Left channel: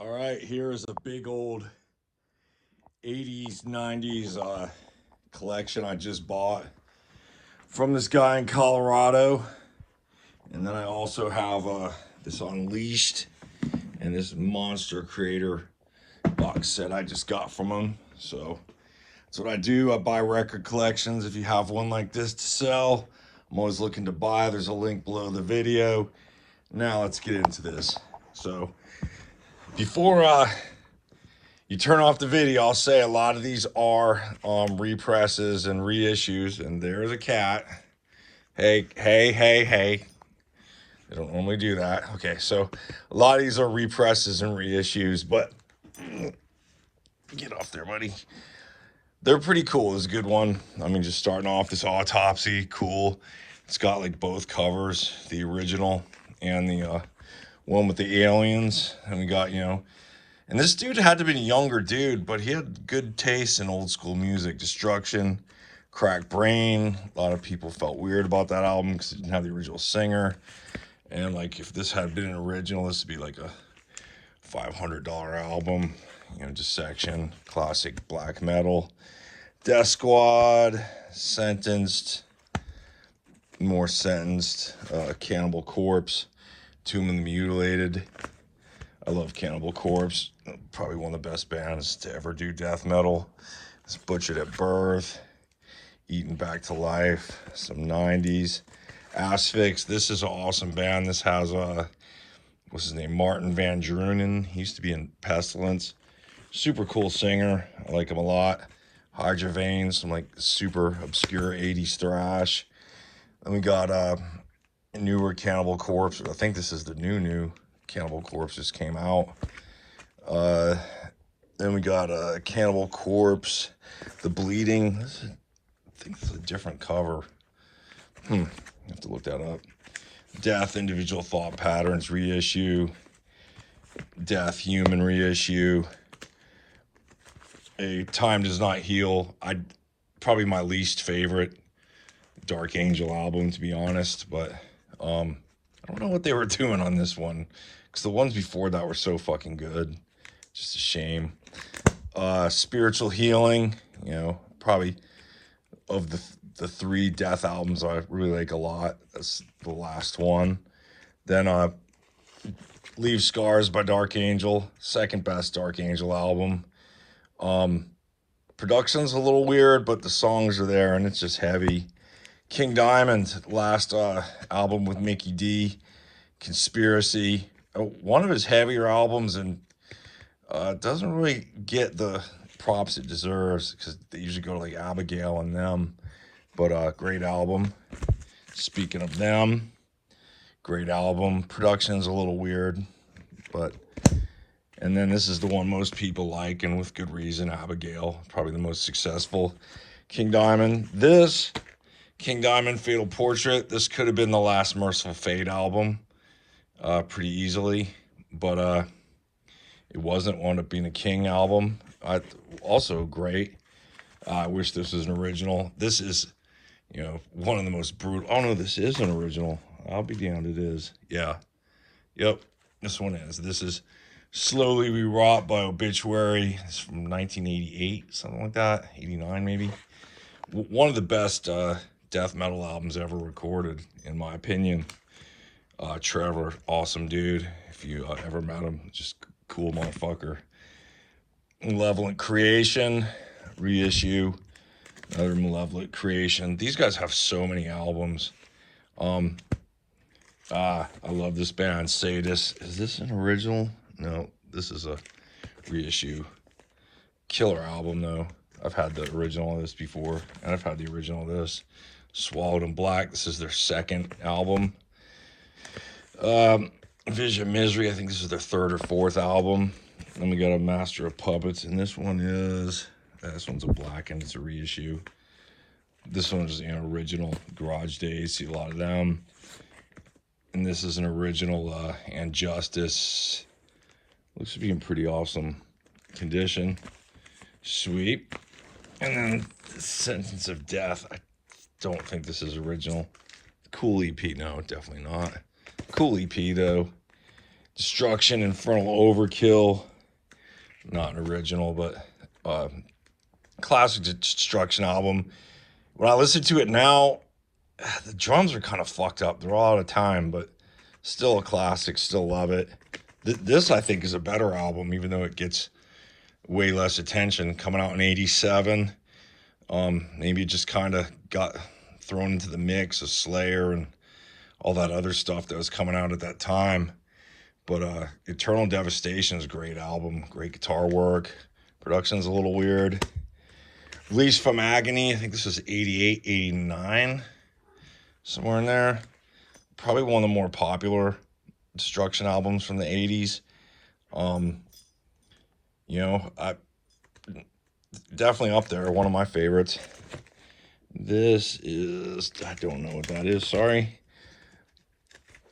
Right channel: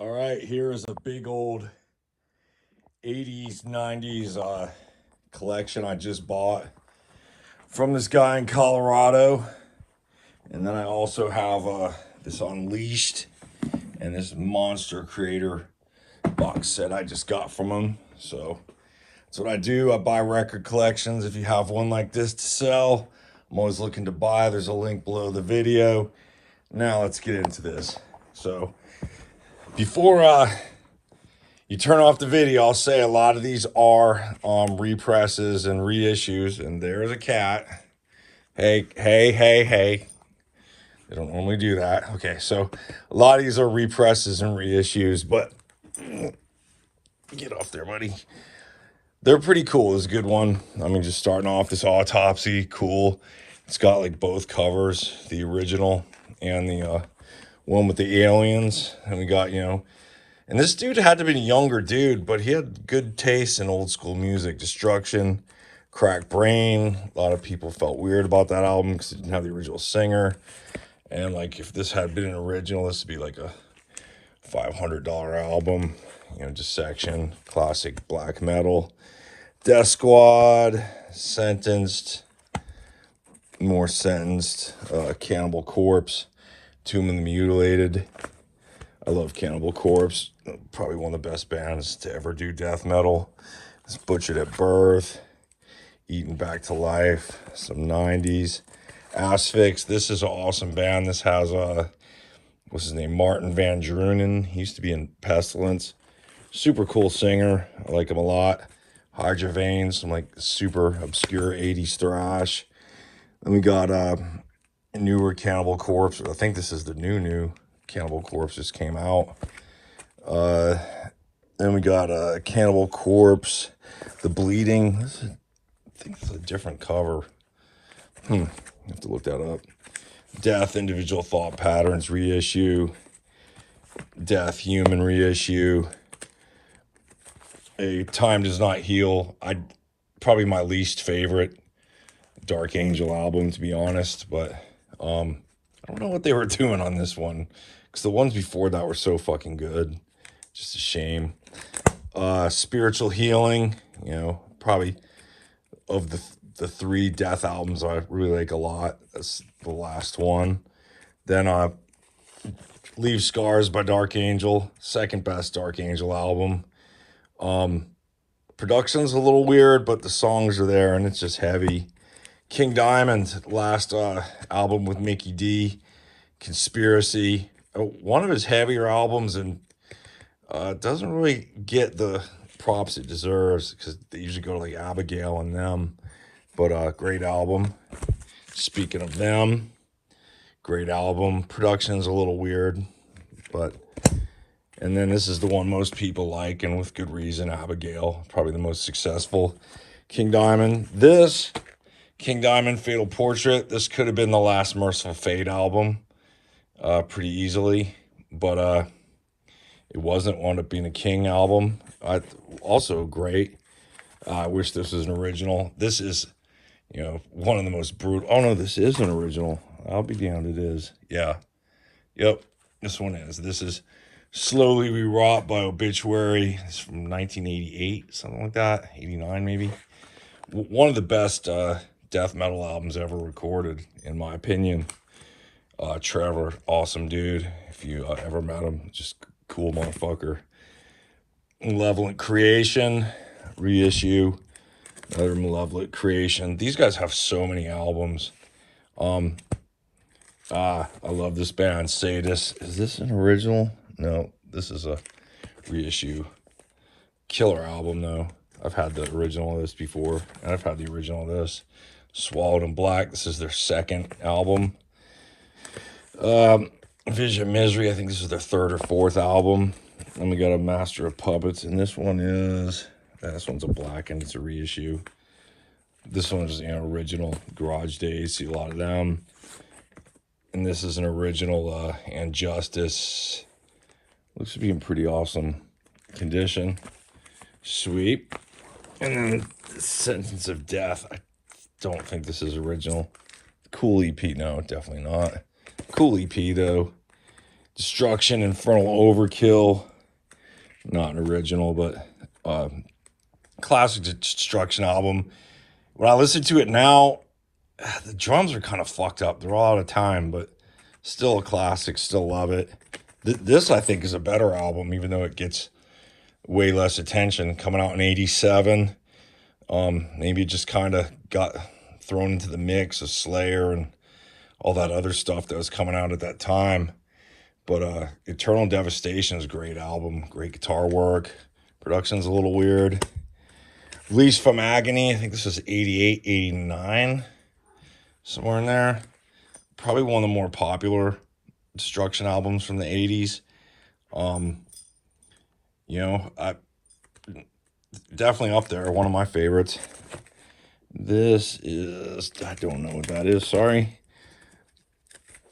All right, here is a big old 80s, 90s collection I just bought from this guy in Colorado. And then I also have this Unleashed and this Monster Creator box set I just got from him. So that's what I do. I buy record collections. If you have one like this to sell, I'm always looking to buy. There's a link below the video. Now let's get into this. So before you turn off the video, I'll say a lot of these are represses and reissues. And there's a cat. Hey, hey, hey, hey. They don't normally do that. Okay, so a lot of these are represses and reissues, but get off there, buddy. They're pretty cool. It's a good one. I mean, just starting off, this Autopsy, cool. It's got like both covers, the original and the one with the aliens. And we got, and this dude had to be a younger dude, but he had good taste in old school music. Destruction, Crack Brain. A lot of people felt weird about that album because it didn't have the original singer. And like, if this had been an original, this would be like a $500 album. Dissection, classic black metal. Death Squad, Sentenced, more Sentenced, Cannibal Corpse, Tomb of the Mutilated. I love Cannibal Corpse, probably one of the best bands to ever do death metal. It's Butchered at Birth, Eaten Back to Life, some 90s. Asphyx, this is an awesome band. This has, what's his name, Martin Van Drunen. He used to be in Pestilence. Super cool singer. I like him a lot. Hydra Veins, some like super obscure 80s thrash. Then we got newer Cannibal Corpse. I think this is the new Cannibal Corpse just came out. Then we got Cannibal Corpse, The Bleeding. I think this is a different cover. I have to look that up. Death, Individual Thought Patterns reissue. Death, Human reissue. Time Does Not Heal. Probably my least favorite Dark Angel album, to be honest, but I don't know what they were doing on this one, because the ones before that were so fucking good. Just a shame. Spiritual Healing, probably of the three Death albums I really like a lot. That's the last one. Then Leave Scars by Dark Angel, second best Dark Angel album. Production's a little weird, but the songs are there and it's just heavy. King Diamond, last album with Mickey D, Conspiracy, one of his heavier albums, and doesn't really get the props it deserves because they usually go to like Abigail and them, but great album. Speaking of them, great album. Production's a little weird, but and then this is the one most people like, and with good reason, Abigail, probably the most successful. King Diamond. This, King Diamond, Fatal Portrait, this could have been the last Merciful Fate album pretty easily, but it wasn't. Wound up being a King album. Also great. I wish this is an original. This is, one of the most brutal. Oh, no, this is an original. I'll be damned, it is. Yeah. Yep, this one is. This is Slowly Rewrought by Obituary. It's from 1988, something like that. 89 maybe. One of the best death metal albums ever recorded, in my opinion. Trevor, awesome dude. If you ever met him, just cool motherfucker. Malevolent Creation, reissue. Another Malevolent Creation. These guys have so many albums. I love this band, Sadist. Is this an original? No, this is a reissue. Killer album, though. I've had the original of this before, and I've had the original of this. Swallowed in Black. This is their second album. Vision Misery. I think this is their third or fourth album. And we got a Master of Puppets, and this one is... This one's a black, and it's a reissue. This one is an original. Garage Days. See a lot of them. And this is an original Injustice. Looks to be in pretty awesome condition. Sweep. And then Sentence of Death. I don't think this is original. Cool EP. No, definitely not. Cool EP, though. Destruction, Infernal Overkill. Not an original, but classic Destruction album. When I listen to it now, the drums are kind of fucked up. They're all out of time, but still a classic. Still love it. This, I think, is a better album, even though it gets way less attention. Coming out in '87. Maybe it just kind of got thrown into the mix of Slayer and all that other stuff that was coming out at that time. But Eternal Devastation is a great album. Great guitar work. Production's a little weird. Released from Agony. I think this is 88, 89. Somewhere in there. Probably one of the more popular Destruction albums from the 80s. You know, definitely up there. One of my favorites. This is... I don't know what that is. Sorry.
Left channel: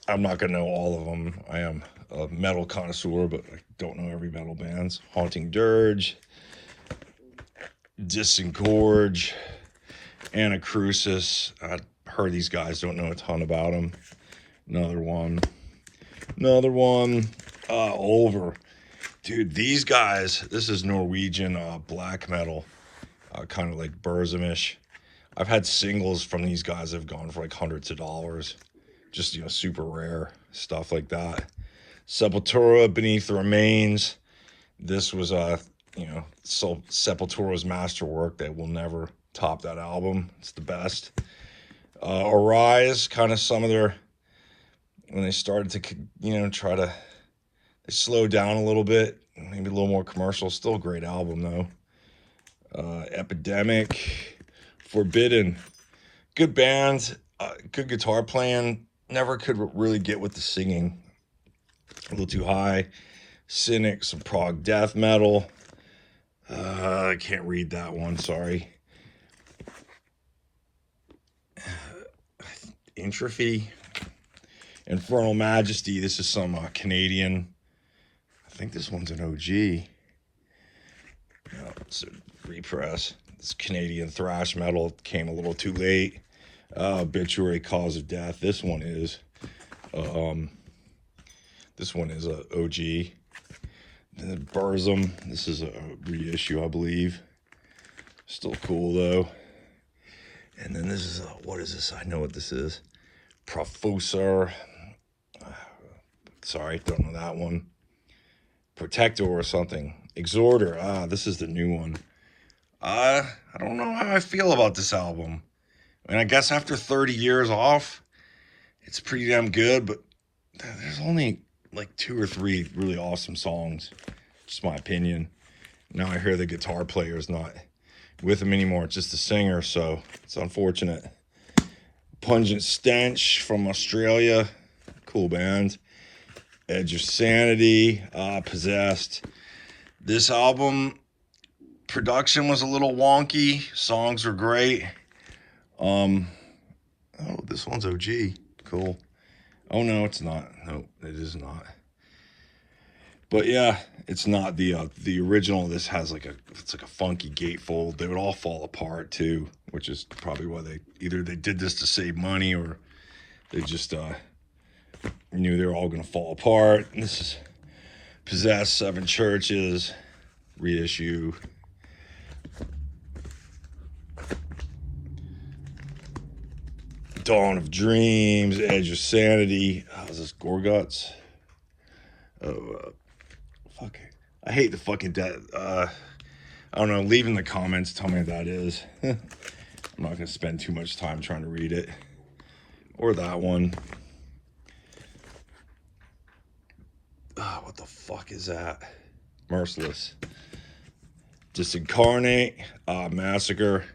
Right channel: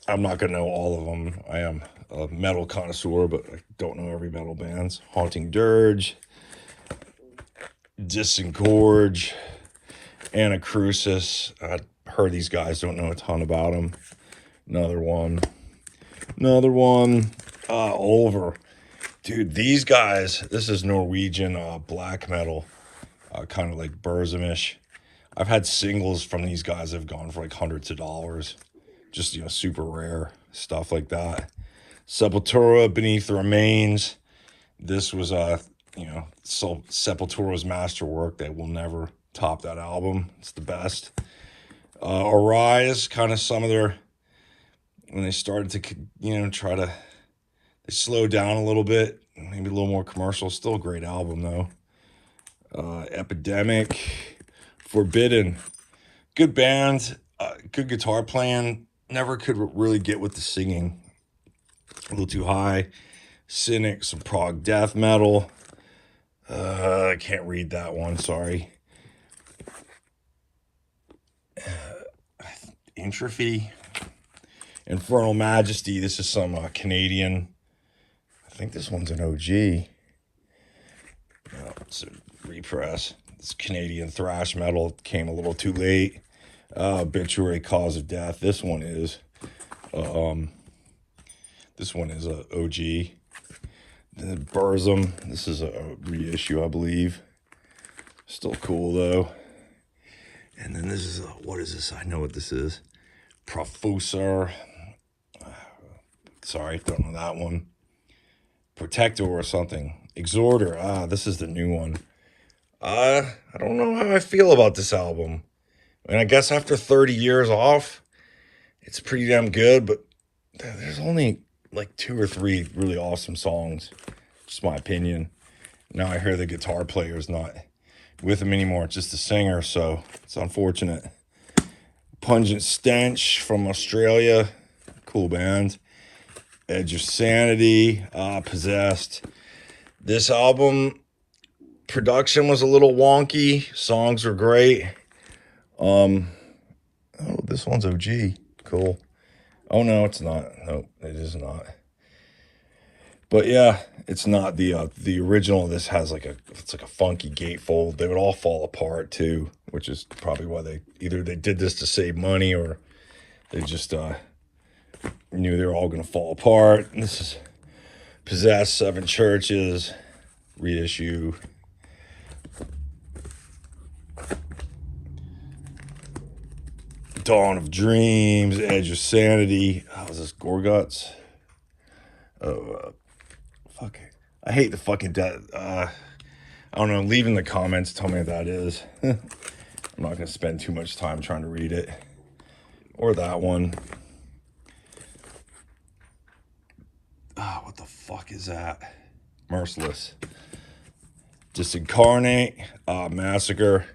I'm not going to know all of them. I am a metal connoisseur, but I don't know every metal band's. Haunting Dirge, Disengorge, Anacrusis. I heard these guys, don't know a ton about them. Another one. Over. Dude, these guys, this is Norwegian black metal, kind of like Burzum-ish. I've had singles from these guys that have gone for like hundreds of dollars. Just, you know, super rare stuff like that. Sepultura, Beneath the Remains. This was, you know, Sepultura's masterwork. They will never top that album. It's the best. Arise, kind of some of their, when they started to, you know, they slowed down a little bit. Maybe a little more commercial. Still a great album, though. Epidemic. Forbidden. Good band. Good guitar playing. Never could really get with the singing. A little too high. Cynic, some prog death metal. I can't read that one, sorry. Entropy. Infernal Majesty. This is some Canadian. I think this one's an OG. No, it's a repress. This Canadian thrash metal came a little too late. Obituary, Cause of Death. This one is a OG. Burzum. This is a reissue, I believe. Still cool though. And then this is what is this? I know what this is. Profusor. Sorry, don't know that one. Protector or something. Exhorter. This is the new one. I don't know how I feel about this album. I mean, I guess after 30 years off, it's pretty damn good, but there's only like 2 or 3 really awesome songs. Just my opinion. Now I hear the guitar player's not with him anymore. It's just a singer, so it's unfortunate. Pungent Stench from Australia. Cool band. Edge of Sanity. Possessed. This album, production was a little wonky. Songs were great. Oh, this one's OG. Cool. Oh, no, it's not. No, it is not. But yeah, it's not the original. This has it's like a funky gatefold. They would all fall apart too, which is probably why they did this to save money or they just knew they were all going to fall apart. This is Possessed, 7 Churches, reissue. Dawn of Dreams, Edge of Sanity. Is this Gorguts? Oh, fuck. I hate the fucking death. I don't know. Leave in the comments. Tell me what that is. I'm not going to spend too much time trying to read it. Or that one. What the fuck is that? Merciless. Disincarnate. Massacre.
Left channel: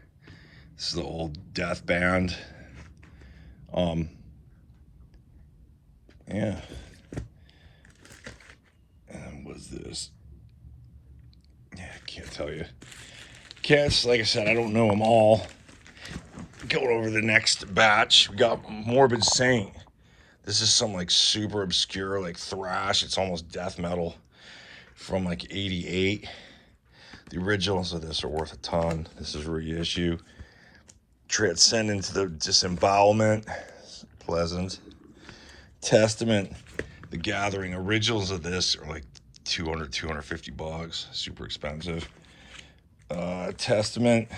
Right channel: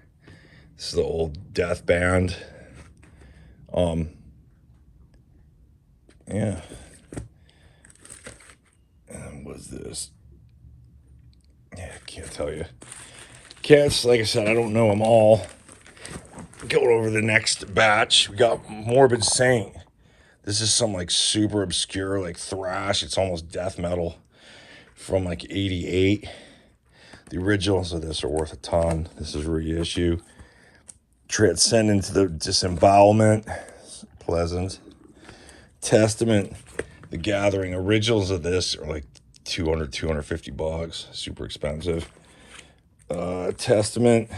This is the old death band. Yeah. And what's this? Yeah, I can't tell you. Cats, like I said, I don't know them all. Going over the next batch, we got Morbid Saint. This is some like super obscure like thrash. It's almost death metal from like 88. The originals of this are worth a ton. This is a reissue. Transcend into the Disembowelment. Pleasant. Testament. The Gathering. Originals of this are like 200, 250 bucks. Super expensive. Testament.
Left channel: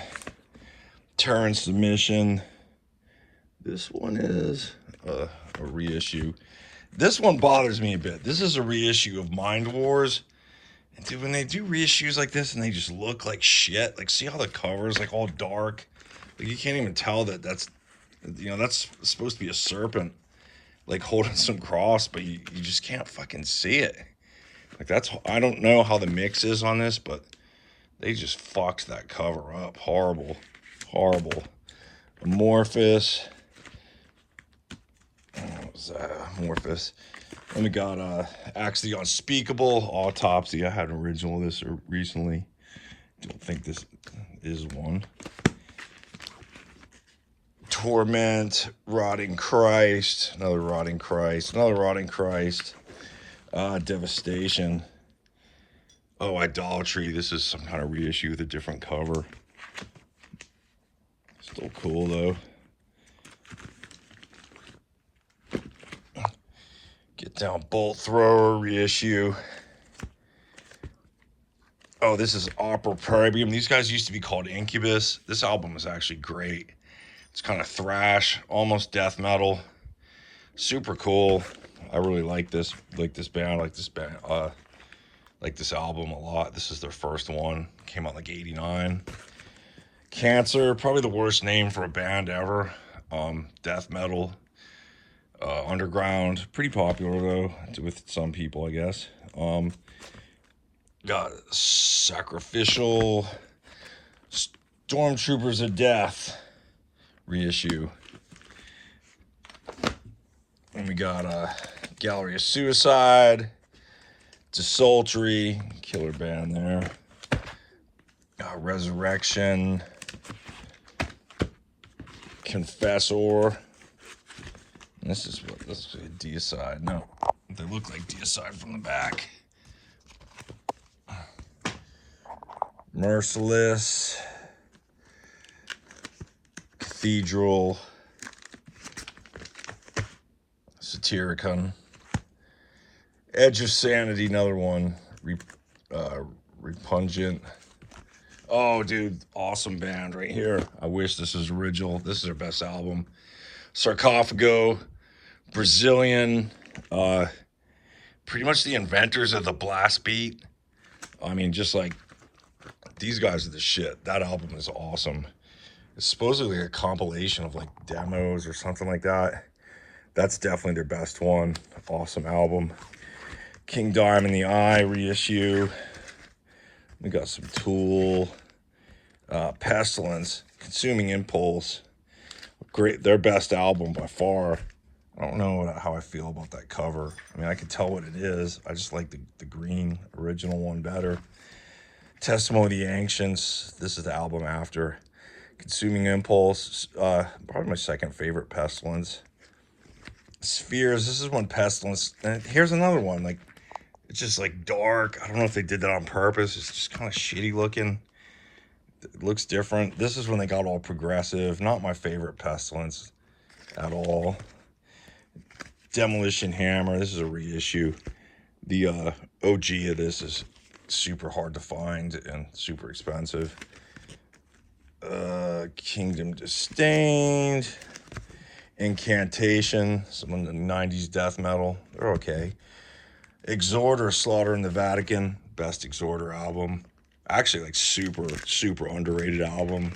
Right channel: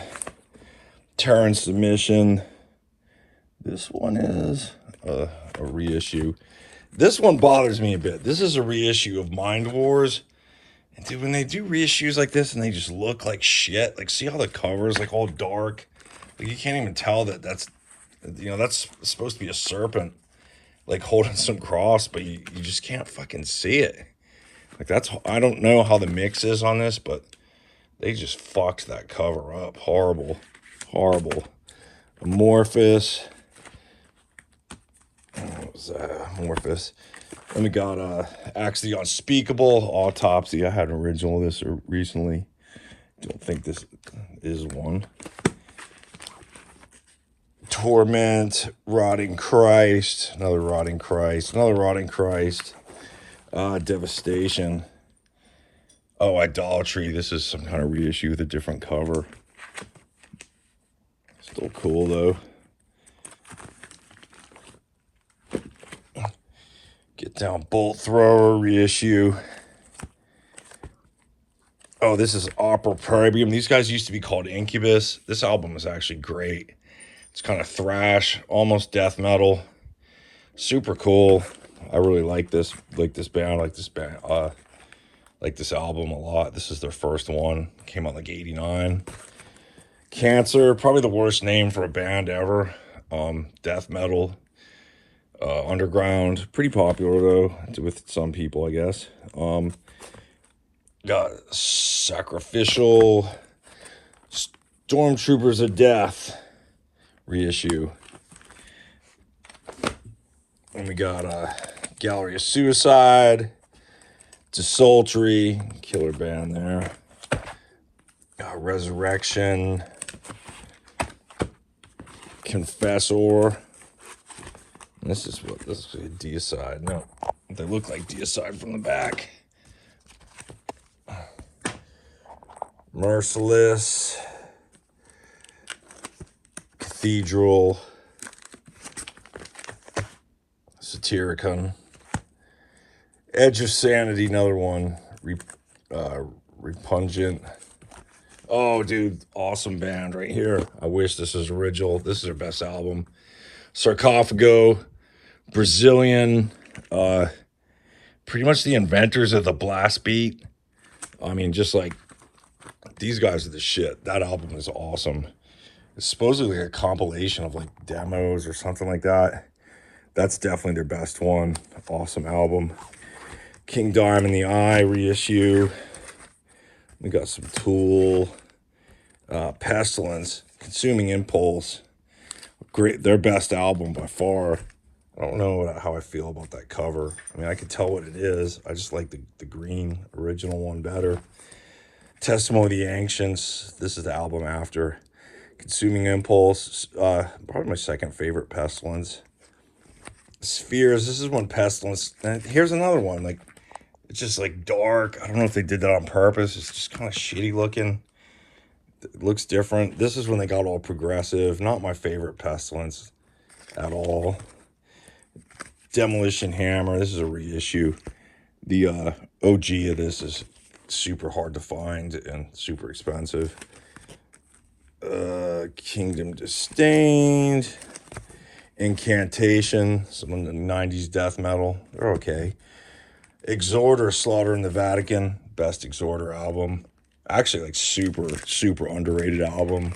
Terror and Submission. This one is a reissue. This one bothers me a bit. This is a reissue of Mind Wars. And dude, when they do reissues like this and they just look like shit, like see how the cover is like all dark? Like you can't even tell that that's, you know, that's supposed to be a serpent like holding some cross, but you just can't fucking see it. Like that's, I don't know how the mix is on this, but they just fucked that cover up. Horrible. Horrible. Amorphous. What was that? Amorphous. Then we got Acts of the Unspeakable, Autopsy. I had an original of this recently. Don't think this is one. Torment, Rotting Christ, another Rotting Christ, another Rotting Christ. Devastation. Oh, Idolatry. This is some kind of reissue with a different cover. Still cool though. Get Down, Bolt Thrower, reissue. Oh, this is Opera Probium. These guys used to be called Incubus. This album is actually great. It's kind of thrash, almost death metal. Super cool. I really like this band, like this album a lot. This is their first one. Came out like 89. Cancer, probably the worst name for a band ever. Death metal. Underground, pretty popular though with some people, I guess. Got Sacrificial, Stormtroopers of Death reissue, and we got Gallery of Suicide, Desultory, killer band there. Got Resurrection, Confessor. This is Deicide. No, they look like Deicide from the back. Merciless, Cathedral, Satyricon, Edge of Sanity, another one. Repugnant. Oh, dude, awesome band right here. I wish this was original. This is their best album. Sarcophago, Brazilian, pretty much the inventors of the blast beat. I mean, just like, these guys are the shit. That album is awesome. It's supposedly a compilation of like demos or something like that. That's definitely their best one. Awesome album. King Diamond the Eye reissue. We got some Tool. Pestilence, Consuming Impulse. Great, their best album by far. I don't know how I feel about that cover. I mean, I can tell what it is. I just like the green original one better. Testimony of the Ancients. This is the album after. Consuming Impulse. Probably my second favorite. Pestilence. Spheres. This is one Pestilence. And here's another one. Like, it's just like dark. I don't know if they did that on purpose. It's just kind of shitty looking. It looks different. This is when they got all progressive. Not my favorite Pestilence at all. Demolition Hammer. This is a reissue. The OG of this is super hard to find and super expensive. Kingdom Disdained. Incantation. Some of the 90s death metal. They're okay. Exhorter, Slaughter in the Vatican. Best Exhorter album. Actually, like super underrated album.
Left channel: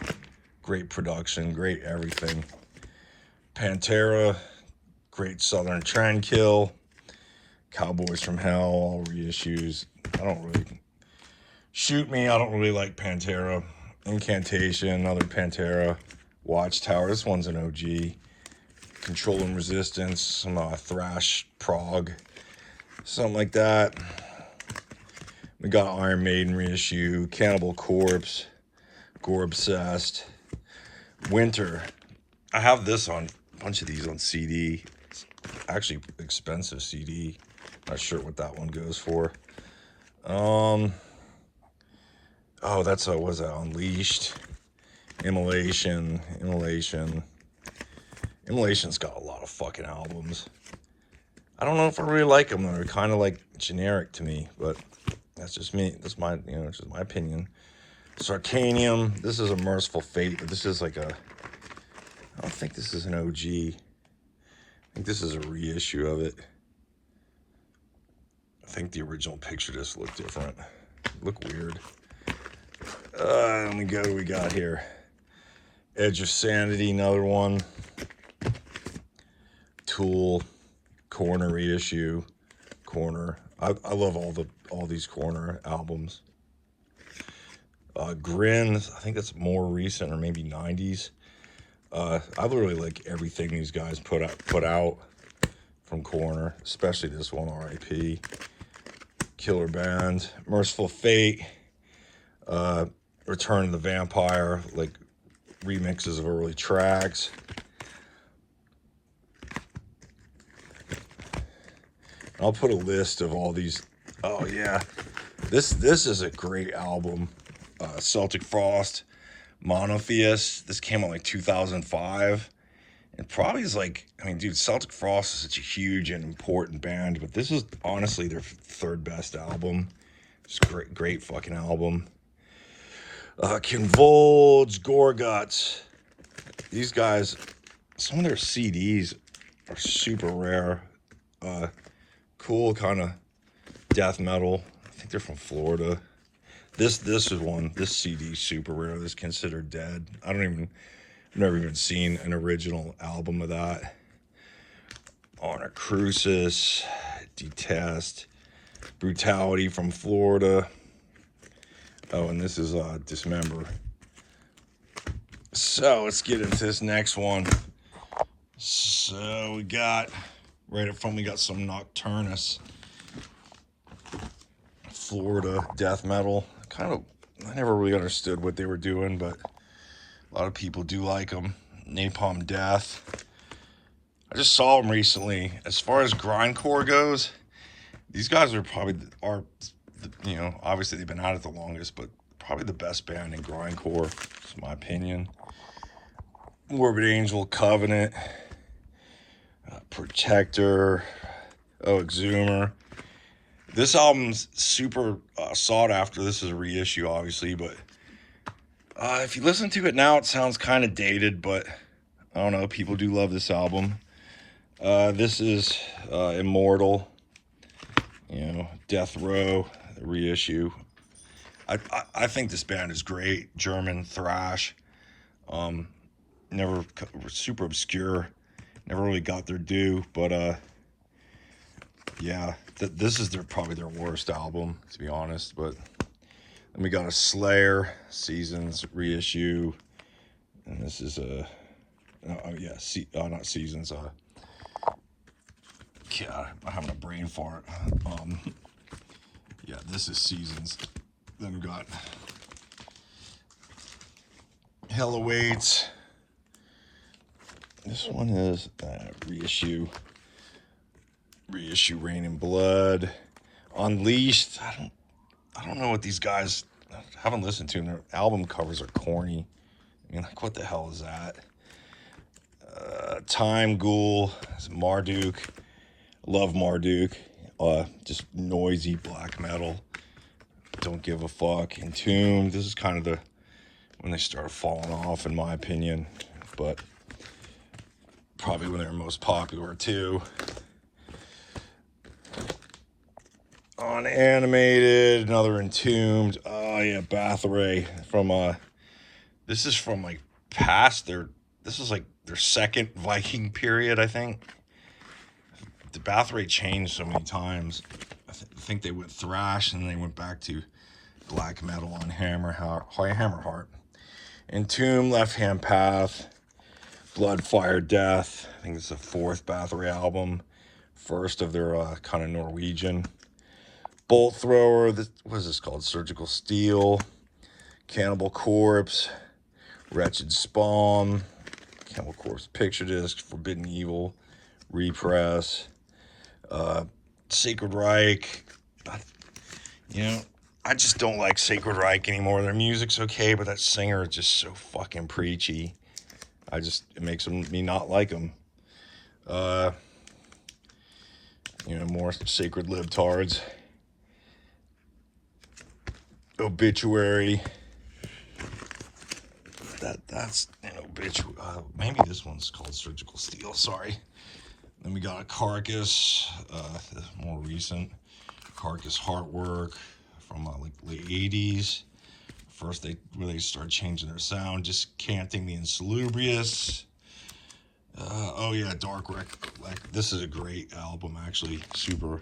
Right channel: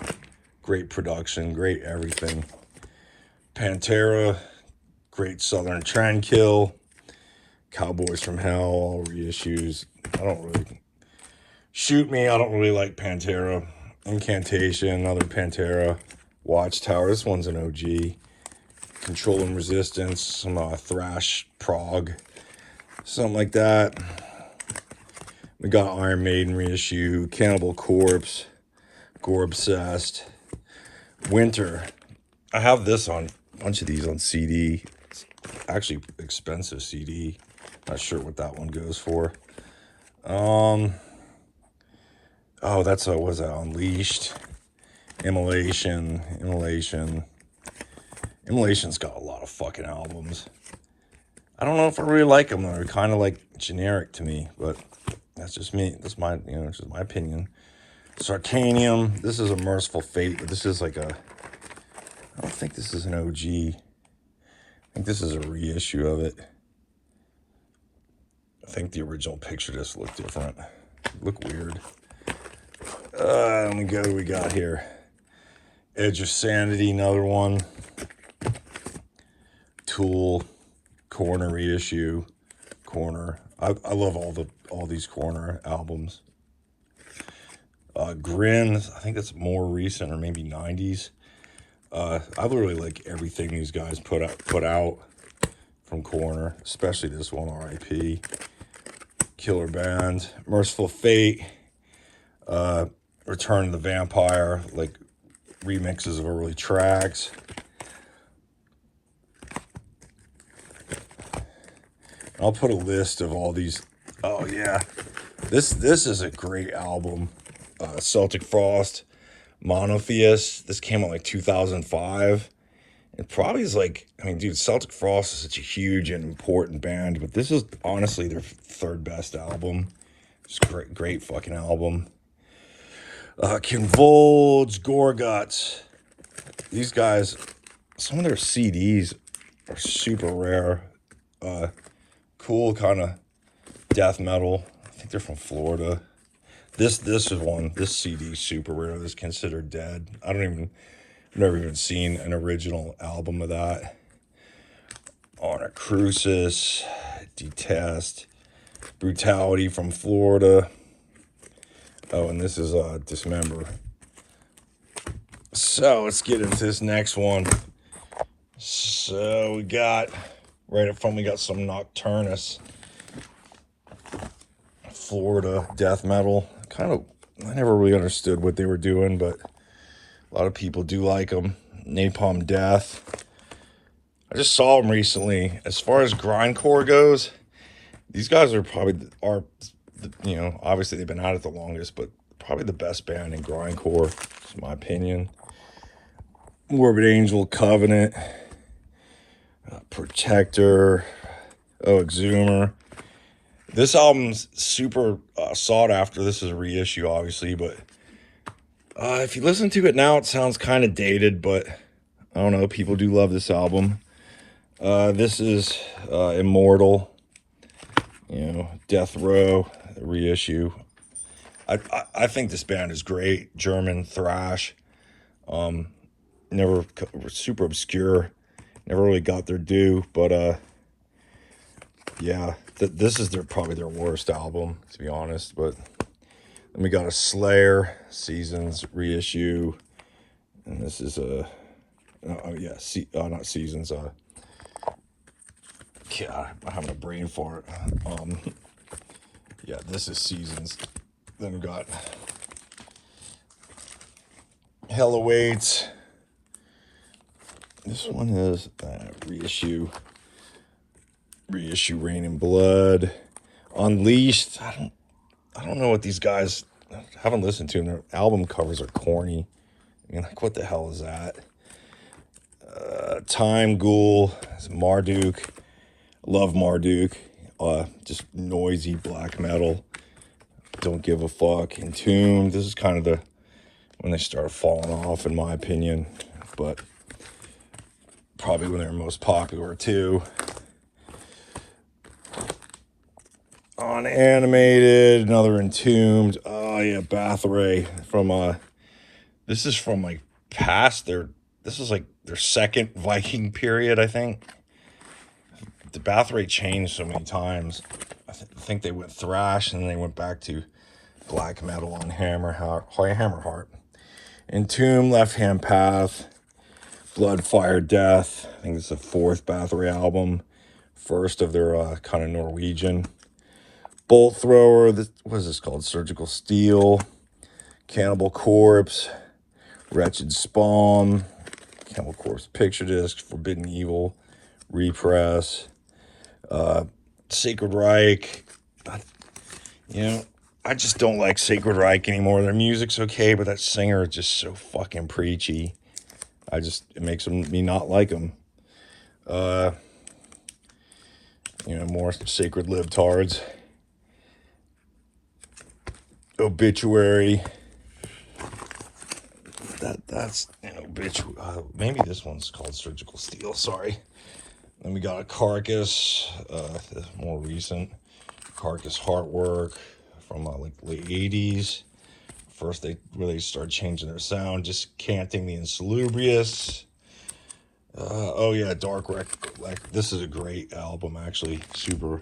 Great production, great everything. Pantera, great Southern Trendkill. Cowboys from Hell, all reissues. I don't really... Shoot Me, I don't really like Pantera. Incantation, another Pantera. Watchtower, this one's an OG. Control and Resistance, some thrash prog. Something like that. We got Iron Maiden reissue, Cannibal Corpse, Gore Obsessed, Winter. I have this on a bunch of these on CD. It's actually expensive CD. Not sure what that one goes for. Oh, that's what was that? Unleashed, Immolation's got a lot of fucking albums. I don't know if I really like them. They're kind of like generic to me, but that's just me. That's my, it's just my opinion. Sarcanium. This is a Merciful Fate, but this is like a, I don't think this is an OG. I think this is a reissue of it. I think the original picture just looked different. Look weird. Let me go. What do we got here? Edge of Sanity, another one. Tool, Corner reissue, Corner. I love all these Corner albums. Grin, I think that's more recent, or maybe 90s. I literally like everything these guys put out from Corner, especially this one, R.I.P. Killer Band, Merciful Fate, Return of the Vampire, like remixes of early tracks. I'll put a list of all these. Oh yeah, this is a great album. Celtic Frost, Monotheist. This came out like 2005. It probably is like, I mean, dude, Celtic Frost is such a huge and important band, but this is honestly their third best album. It's a great fucking album. Convulge, Gorguts. These guys, some of their CDs are super rare. Cool kind of death metal. I think they're from Florida. This is one. This CD is super rare. This is considered dead. I've never even seen an original album of that. Honor Crucis, Detest, Brutality from Florida. Oh, and this is Dismember. So let's get into this next one. So we got right up front, we got some Nocturnas, Florida death metal. I never really understood what they were doing, but a lot of people do like them. Napalm Death. I just saw them recently. As far as grindcore goes, these guys are obviously they've been at it the longest, but probably the best band in grindcore, in my opinion. Morbid Angel, Covenant, Protector, Exhumer. This album's super sought after. This is a reissue, obviously, but if you listen to it now, it sounds kind of dated, but I don't know. People do love this album. This is Immortal, Death Row, reissue. I think this band is great. German thrash. Never super obscure. Never really got their due, but yeah, this is probably their worst album, to be honest. But then we got a Slayer Seasons reissue, and this is not Seasons. I'm having a brain fart. Yeah, this is Seasons. Then we got Hell Awaits. This one is reissue Rain and Blood. Unleashed. I don't know what these guys, I haven't listened to them. Their album covers are corny. I mean, like, what the hell is that? Time Ghoul. It's Marduk. Love Marduk. Just noisy black metal. Don't give a fuck. Entombed. This is kind of when they started falling off, in my opinion, but probably when they were most popular too. Unanimated, another Entombed. Oh yeah, Bathory from this is from like past this is like their second Viking period, I think. The Bathory changed so many times. I think they went thrash and then they went back to black metal on Hammerheart. Entomb, Left Hand Path, Blood, Fire, Death. I think it's the fourth Bathory album. First of their kind of Norwegian. Bolt Thrower, what is this called? Surgical Steel, Cannibal Corpse, Wretched Spawn, Cannibal Corpse Picture Disc, Forbidden Evil, Repress, Sacred Reich. I just don't like Sacred Reich anymore. Their music's okay, but that singer is just so fucking preachy. It makes me not like them. you know, more sacred libtards. Obituary. That's you know, Obituary. Maybe this one's called Surgical Steel. Sorry. Then we got a Carcass, the more recent Carcass Heartwork from like late 80s. First they really started changing their sound, just canting the Insalubrious. Oh yeah, Dark Rec. This is a great album, actually. Super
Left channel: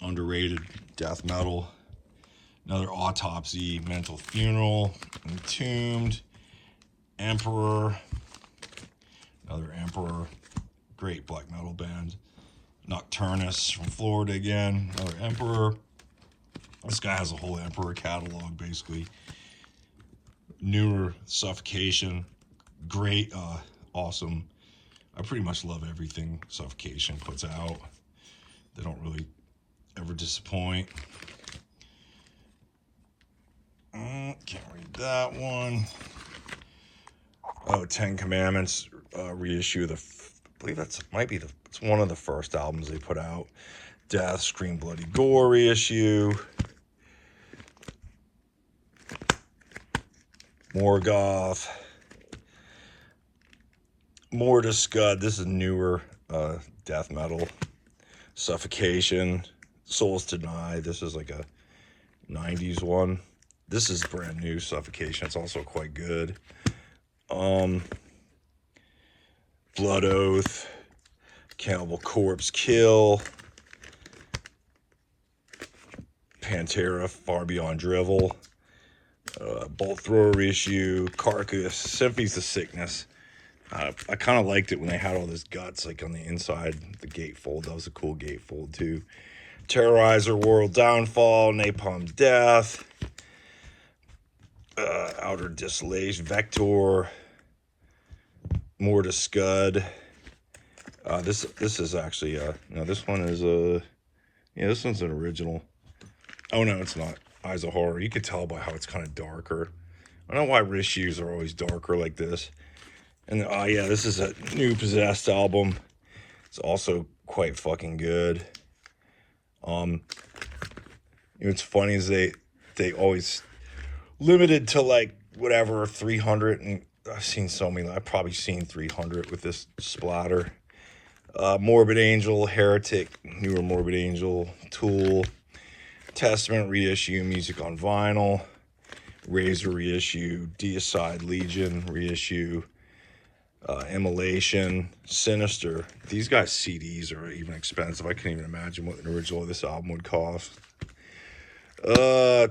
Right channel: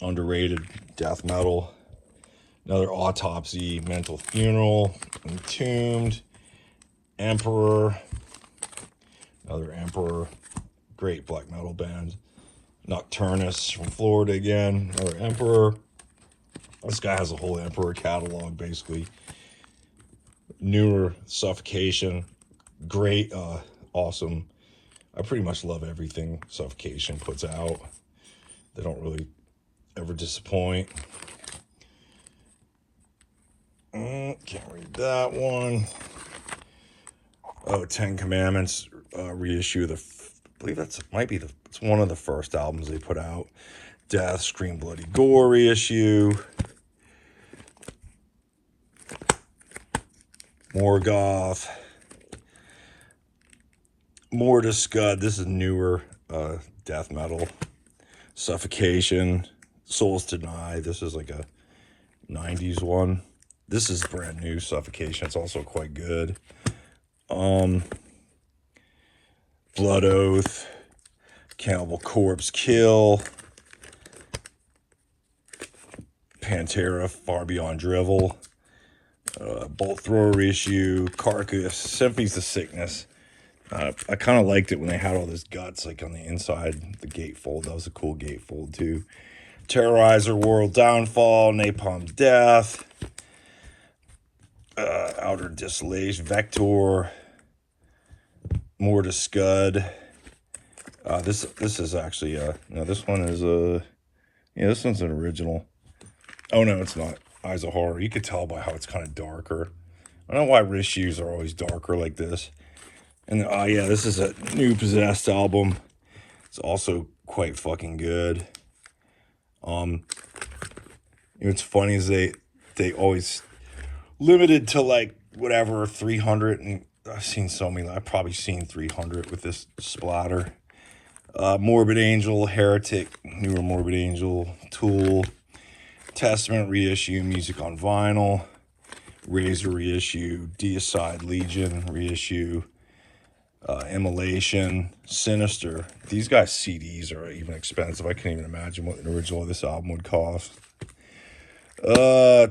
underrated death metal. Another Autopsy, Mental Funeral, Entombed, Emperor. Another Emperor. Great black metal band. Nocturnas from Florida again. Another Emperor. This guy has a whole Emperor catalog, basically. Newer Suffocation. Great, awesome. I pretty much love everything Suffocation puts out. They don't really ever disappoint. Can't read that one. Oh, 10 Commandments reissue. I believe it's one of the first albums they put out. Death, Scream Bloody Gore reissue. Morgoth. Mortis Scud. This is newer death metal. Suffocation. Souls Deny. This is like a 90s one. This is brand new Suffocation. It's also quite good. Blood Oath. Cannibal Corpse Kill. Pantera, Far Beyond Drivel. Bolt Thrower reissue. Carcass. Symphonies of Sickness. I kind of liked it when they had all this guts like on the inside, the gatefold. That was a cool gatefold too. Terrorizer, World Downfall, Napalm Death, Outer Desolation, Vector, Mortis Scud. This is actually no, this one is yeah, this one's an original. Oh no, it's not. Eyes of Horror. You can tell by how it's kind of darker. I don't know why reissues are always darker like this. And yeah, this is a new Possessed album. It's also quite fucking good. You know, what's funny is they always limited to like whatever 300, and I've seen so many. I've probably seen 300 with this splatter. Morbid Angel, Heretic, newer Morbid Angel, Tool, Testament reissue, Music on Vinyl, Razor reissue, Deicide Legion reissue. Immolation, Sinister. These guys' CDs are even expensive. I can't even imagine what an original of this album would cost.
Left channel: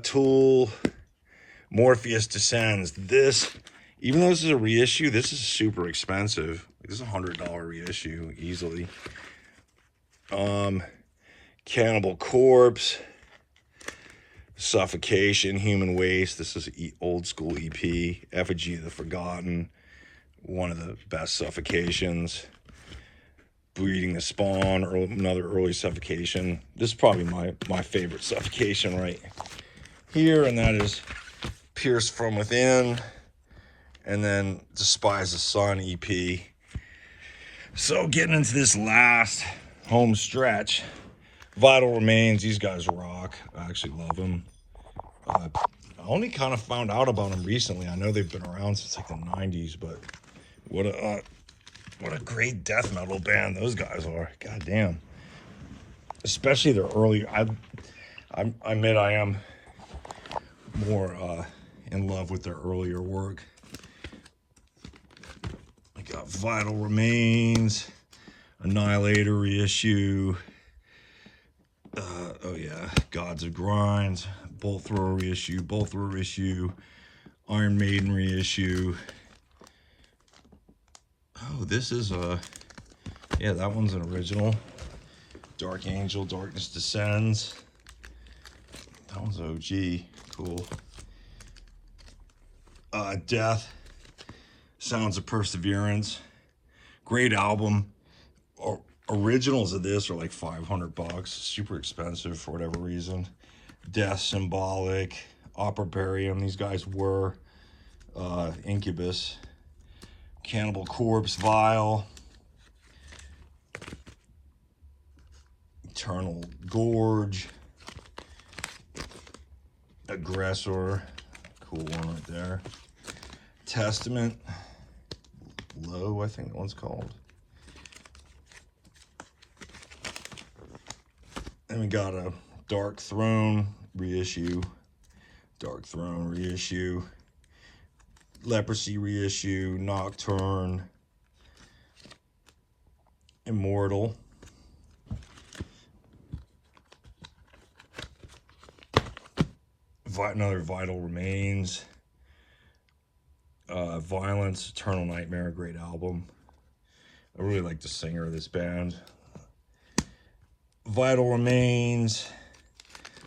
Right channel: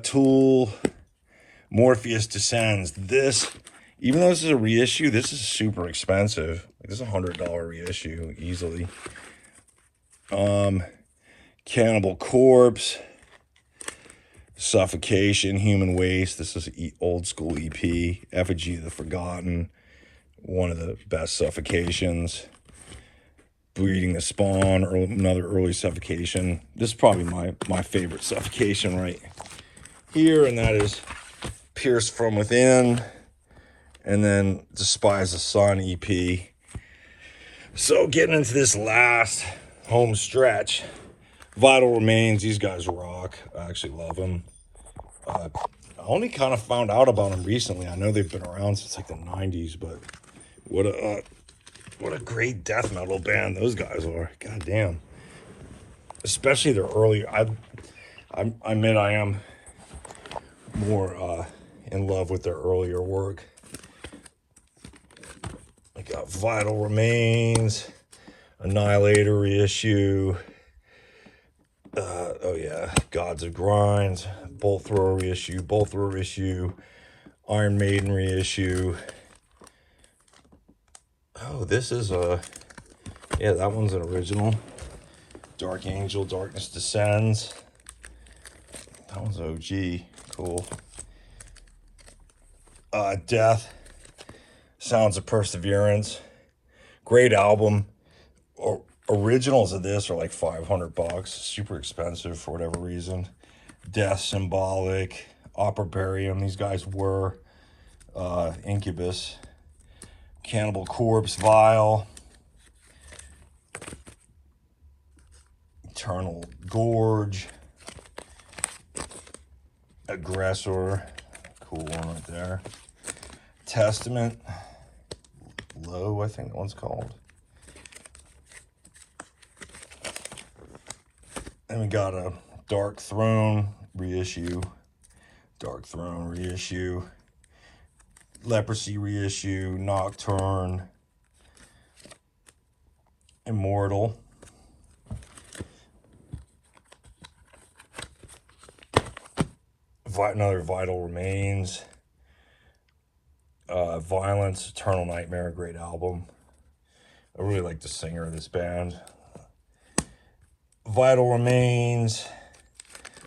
Tool, Morpheus Descends. This, even though this is a reissue, this is super expensive. Like, this is a $100 reissue easily. Cannibal Corpse, Suffocation, Human Waste. This is old school EP. Effigy of the Forgotten. One of the best Suffocations. Breeding the Spawn, another early Suffocation. This is probably my favorite Suffocation right here, and that is Pierce From Within, and then Despise the Sun EP. So getting into this last home stretch, Vital Remains. These guys rock. I actually love them. I only kind of found out about them recently. I know they've been around since like the 90s, but what a great death metal band those guys are. God damn. Especially their early. I admit I am more in love with their earlier work. I got Vital Remains, Annihilator reissue. Oh yeah, Gods of Grind, Bolt Thrower reissue, Iron Maiden reissue. Oh, this is yeah, that one's an original. Dark Angel, Darkness Descends. That one's OG. Cool. Death, Sounds of Perseverance. Great album. Originals of this are like $500. Super expensive for whatever reason. Death, Symbolic, Operabarium. These guys were Incubus. Cannibal Corpse, Vile. Eternal Gorge. Aggressor. Cool one right there. Testament. Low, I think that one's called. And we got a Dark Throne reissue. Dark Throne reissue. Leprosy reissue. Nocturne. Immortal. Another Vital Remains. Violence, Eternal Nightmare, great album. I really like the singer of this band. Vital Remains.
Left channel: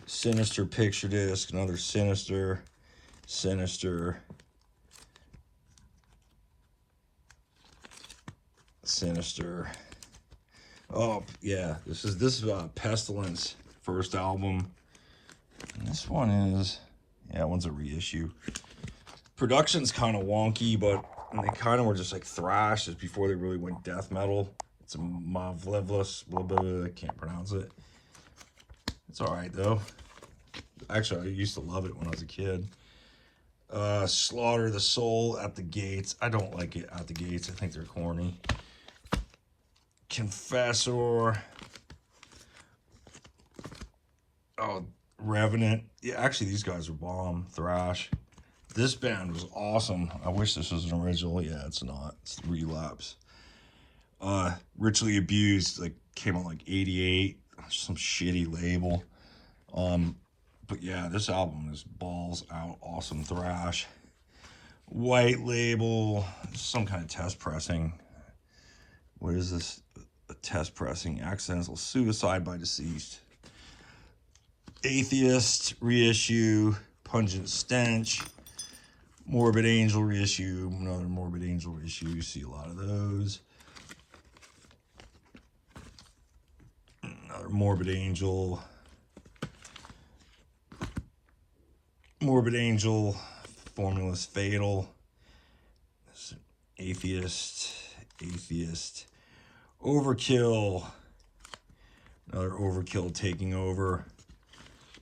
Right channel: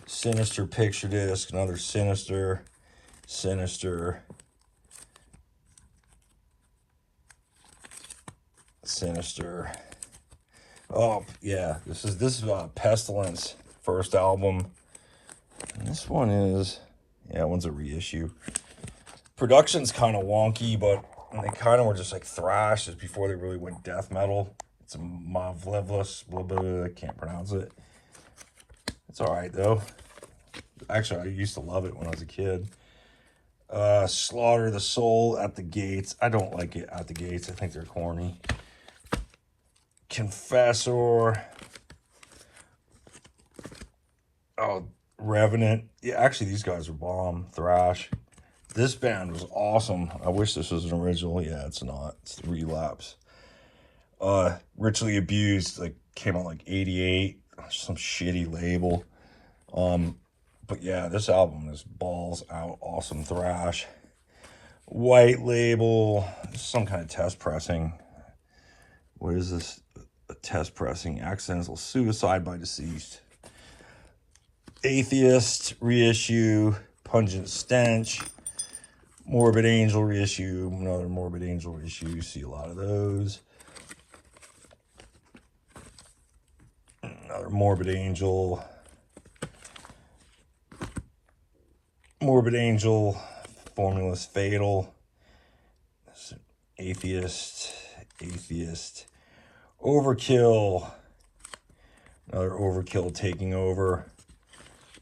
Sinister Picture Disc, another Sinister. Sinister. Oh yeah, this is Pestilence first album. And this one is, yeah, one's a reissue. Production's kind of wonky, but they kind of were just like thrash just before they really went death metal. It's a Mavlevlus, blah, blah, blah, I can't pronounce it. It's all right though. Actually, I used to love it when I was a kid. Slaughter the Soul at the Gates. I don't like it at the Gates. I think they're corny. Confessor. Oh, Revenant. Yeah, actually, these guys are bomb. Thrash. This band was awesome. I wish this was an original. Yeah, it's not. It's Relapse. Ritually Abused, like, came out like 88. Some shitty label. But yeah, this album is balls out. Awesome thrash. White Label. Some kind of test pressing. What is this? A test pressing. Accidental Suicide by Deceased. Atheist reissue. Pungent Stench. Morbid Angel reissue. Another Morbid Angel reissue. You see a lot of those. Another Morbid Angel. Morbid Angel. Formula's Fatal. Atheist. Overkill. Another Overkill Taking Over.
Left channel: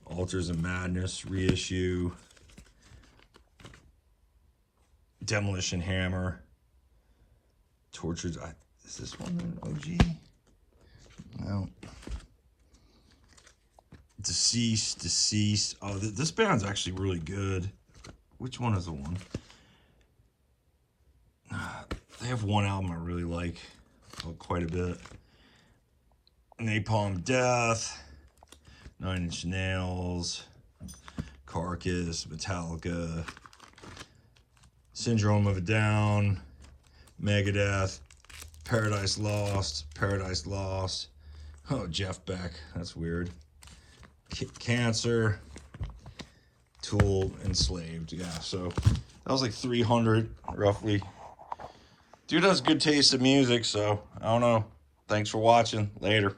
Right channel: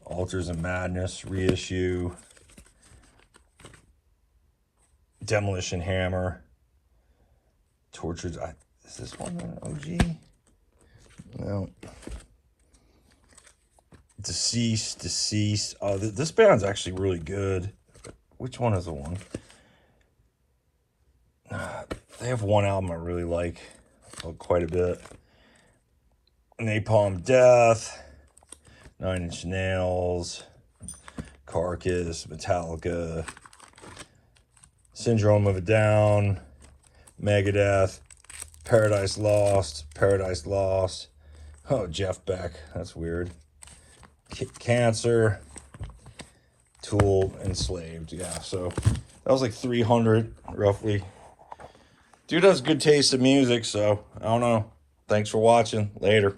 Altars of Madness reissue. Demolition Hammer. Tortured. Is this one an OG? No. Deceased. Oh, this band's actually really good. Which one is the one? They have one album I really like quite a bit. Napalm Death. 9 Inch Nails. Carcass. Metallica. Syndrome of a Down. Megadeth. Paradise Lost. Oh, Jeff Beck. That's weird. Cancer. Tool. Enslaved. Yeah, so that was like 300 roughly. Dude has good taste in music, so I don't know. Thanks for watching. Later.